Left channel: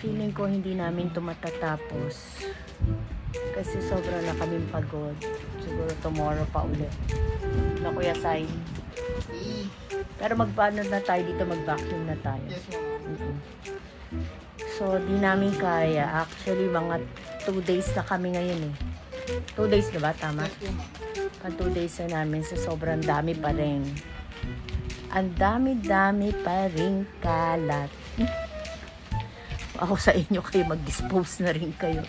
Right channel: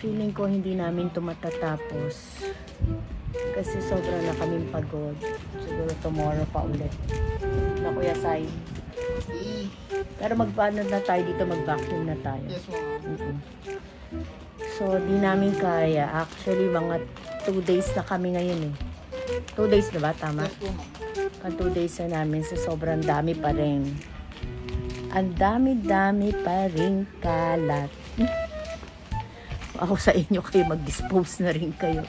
Feeling ko hindi namin ito matatapos. Kasi sobra na kaming pagod. Siguro tomorrow pa ulit. Na Kuya Sai. Pero magpaano na tayo dito, mag-vacuum na tayo. So, di namin kaya. Actually, mga 2 days na kami ngayon eh. 2 days na ba? Tama? Pag 2 days na namin, so sobrang dami pa rin. Ang dami-dami pa rin kalat. Ako sa inyo kayo, mag-dispose na rin kayo.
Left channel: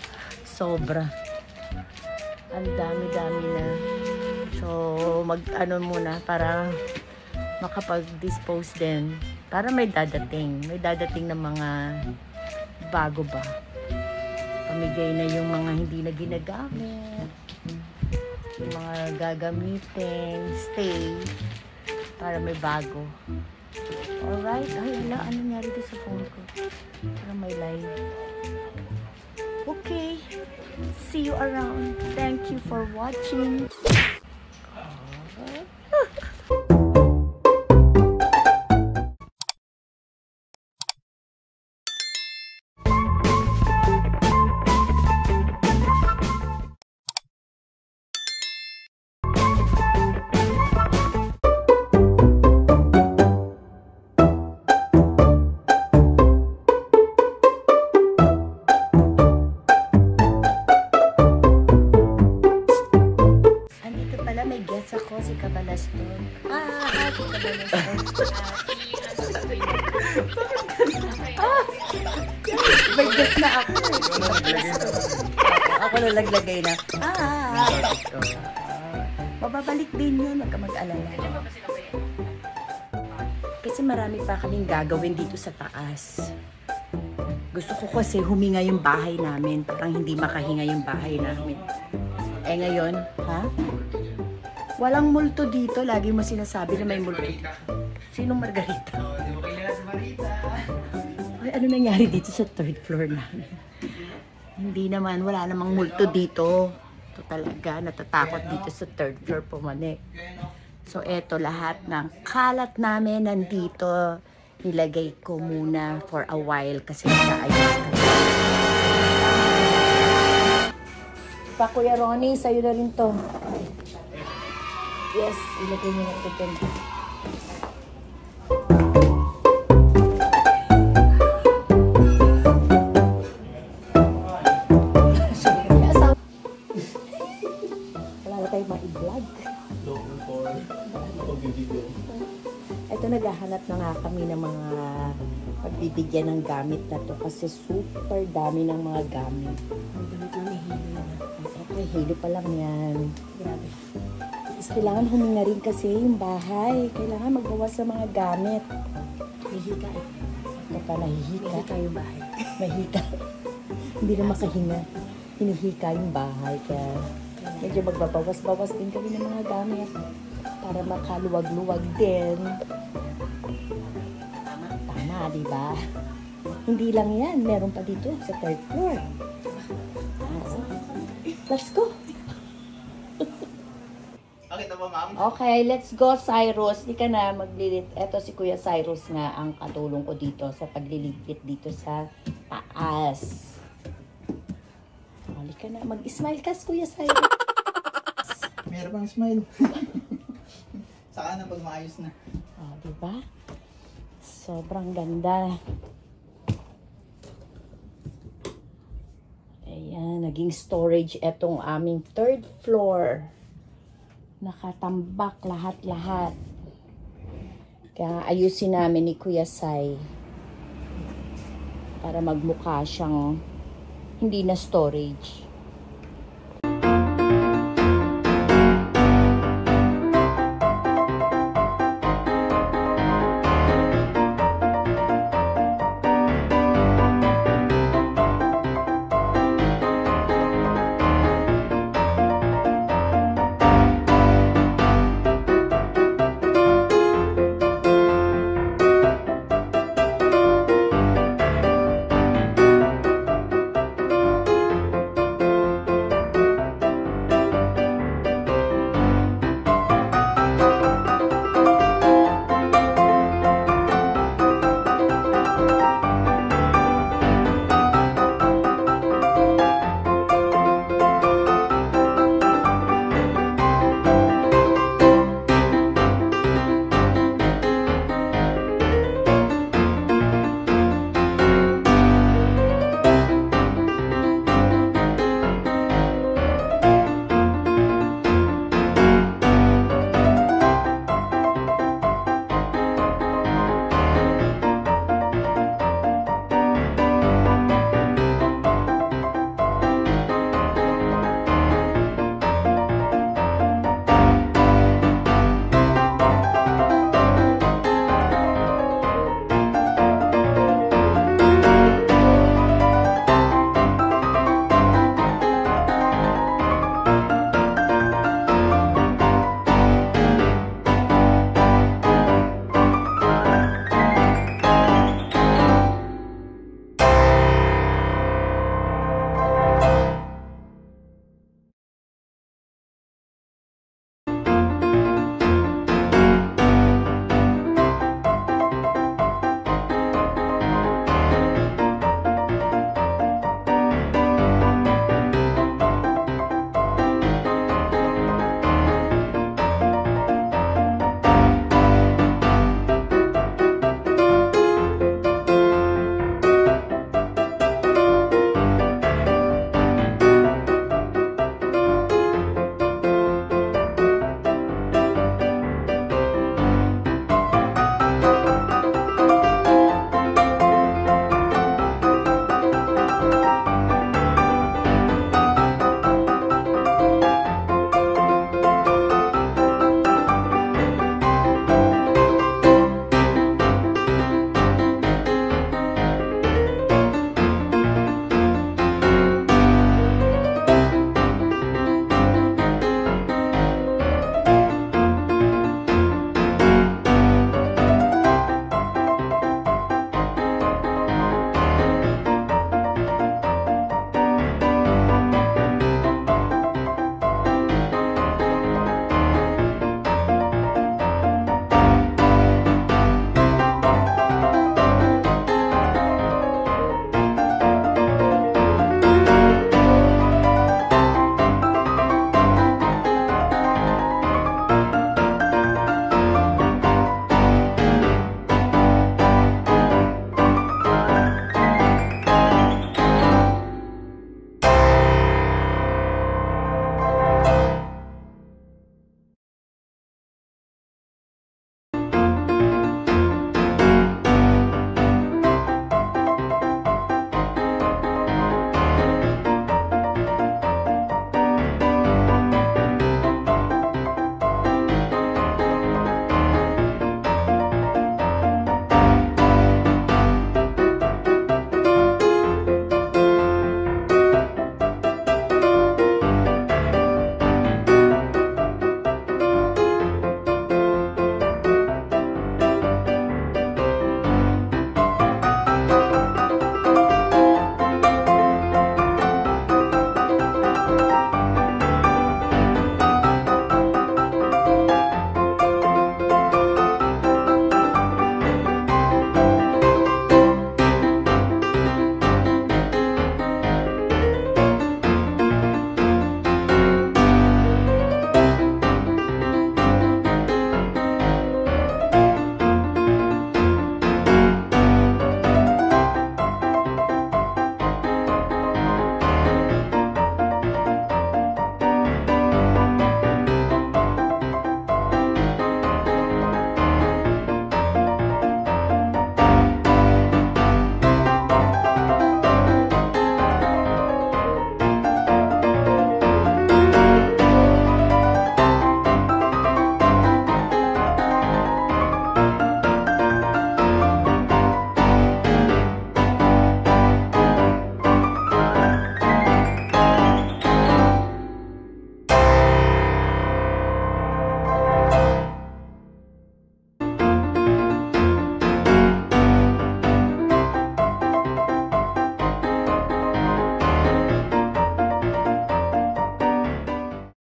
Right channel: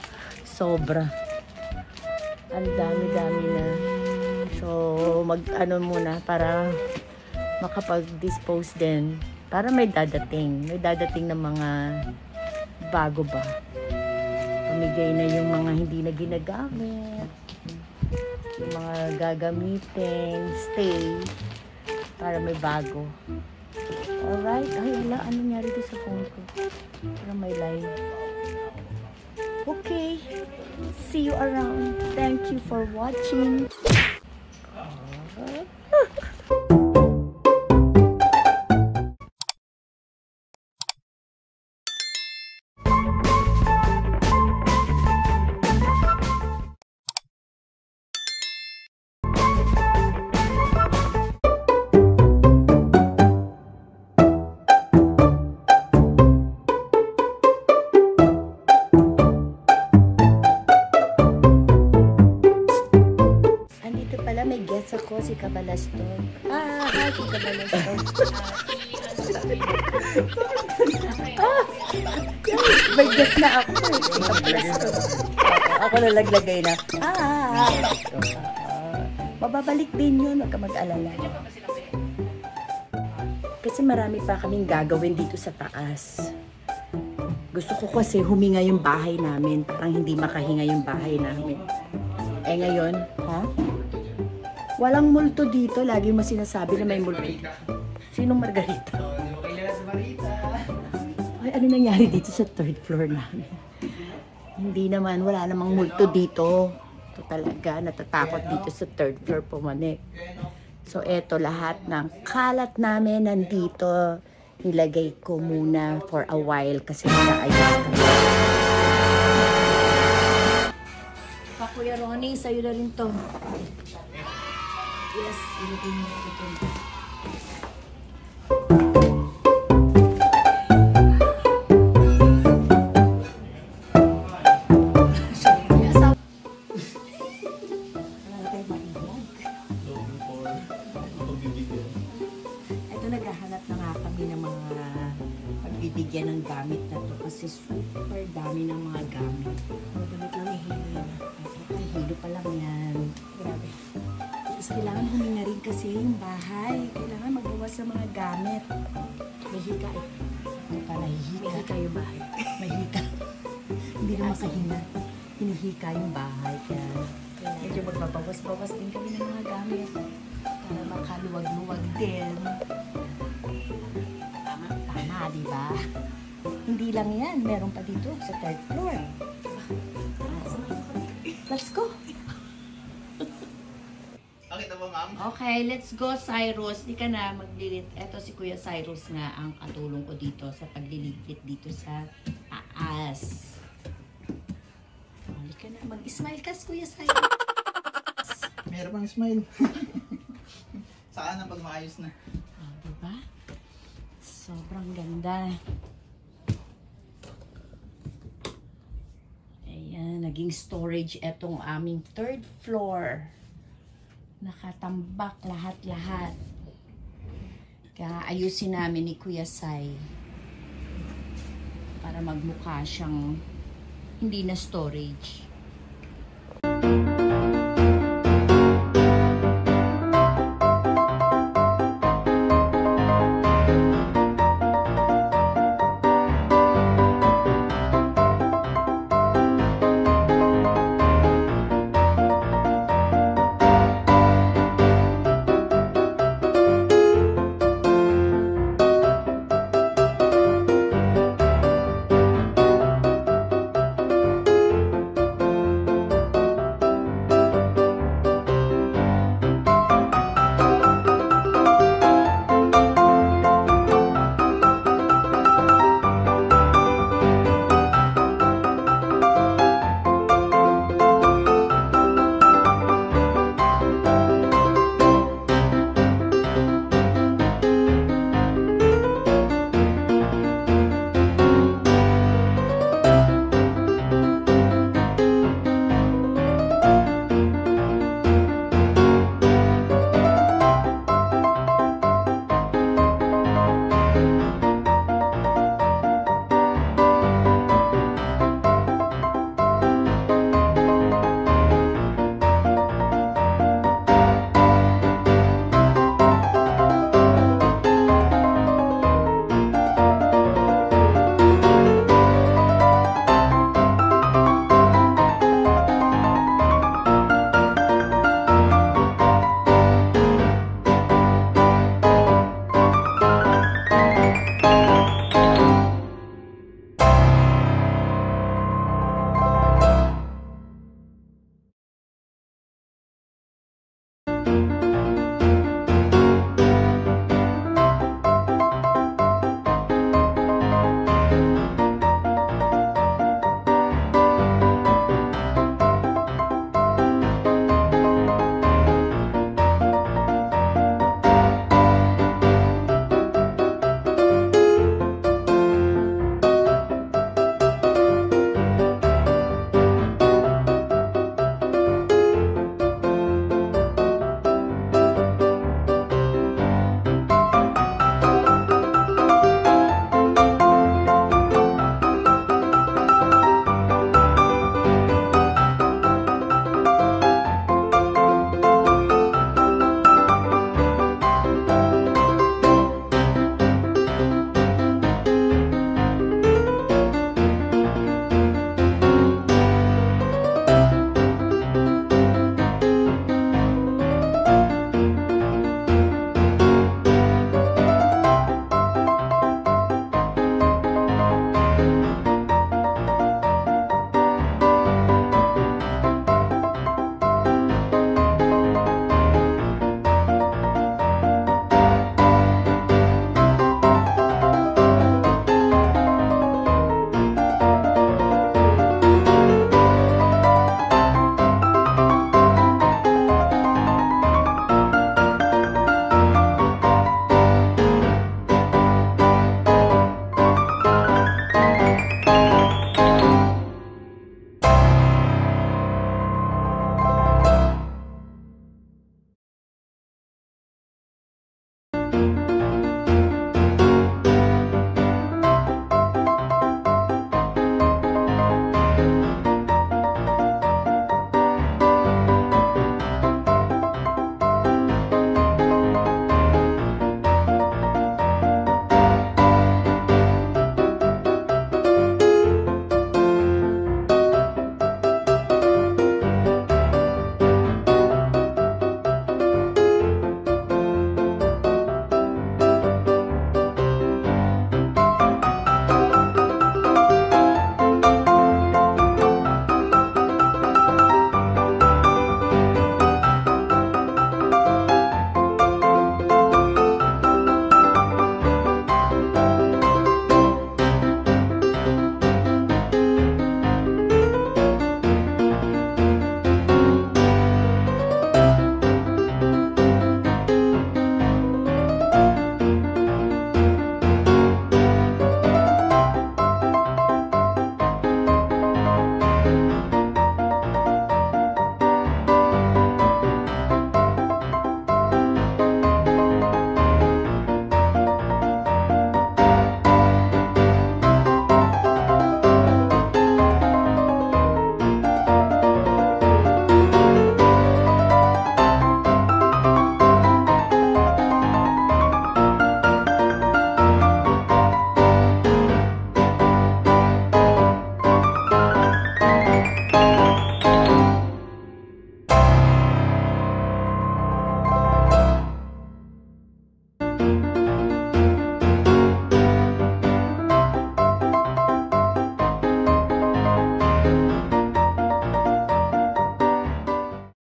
Sobra. Ang dami-dami na. So, mag-ano muna para makapag-dispose din. Para may dadating. May dadating na mga bago ba. Pamigay na yung mga hindi na ginagamit. Yung mga gagamitin. Stay. Para may bago. Alright. Ay, ala. Ano nangyari dito sa phone ko? Para may live. Okay. See you around. Thank you for watching. May guest ako, si Kabalastog. Si Kabalastog. May guest na ako. Si Kabalastog. Ako nalaglagay na. Mababalik din yun, wag ka mag-alala. Kasi marami pa kaming gagawin dito sa taas. Gusto ko kasi huminga yung bahay namin. Parang hindi makahinga yung bahay namin. Eh ngayon, walang multo dito. Lagi mo sinasabi na may multo dito. Sinong Margarita? Hindi mo kailangan sa Marita. Ay, ano nangyari dito sa 3rd floor namin? Hindi naman. Wala namang multo dito. Ito talaga. Natatakot dito sa 3rd floor pumanik. So, eto lahat ng kalat namin nandito. Nilagay ko muna for a while kasi nakaayos kami. Pa, Kuya Ronnie, sa'yo na rin to. Yes, ilagay nyo na ito dyan. Wala na tayo ma-i-vlog. Ito, naghahanap na nga kami ng mga pagbibigyan ng gamit na to kasi super dami ng mga gamit. Ang gamit lang, hilo yan. Ay, hilo pa lang yan. Grabe. Kailangan huminga rin kasi yung bahay. Kailangan magbawas sa mga gamit. Mahika eh. Ano pa, nahihika? Mahika yung bahay. Mahika. Hindi na makahinga. Hinihika yung bahay. Kaya medyo magbabawas-bawas din kami ng mga gamit. Para makaluwag-luwag din. Tama, diba? Hindi lang yan. Meron pa dito sa 3rd floor. Let's go. Okay, let's go, Cyrus. Di ka na maglilit. Eto si Kuya Cyrus nga ang katulong ko dito sa pagliligpit dito sa taas. Halika na. Mag-smile ka, Kuya Cyrus. Meron pang smile. Saka na pag maayos na. Diba? Sobrang ganda. Ayan, naging storage etong aming 3rd floor. Nakatambak lahat-lahat. Kaya ayusin namin ni Kuya Sai para magmukha siyang hindi na storage.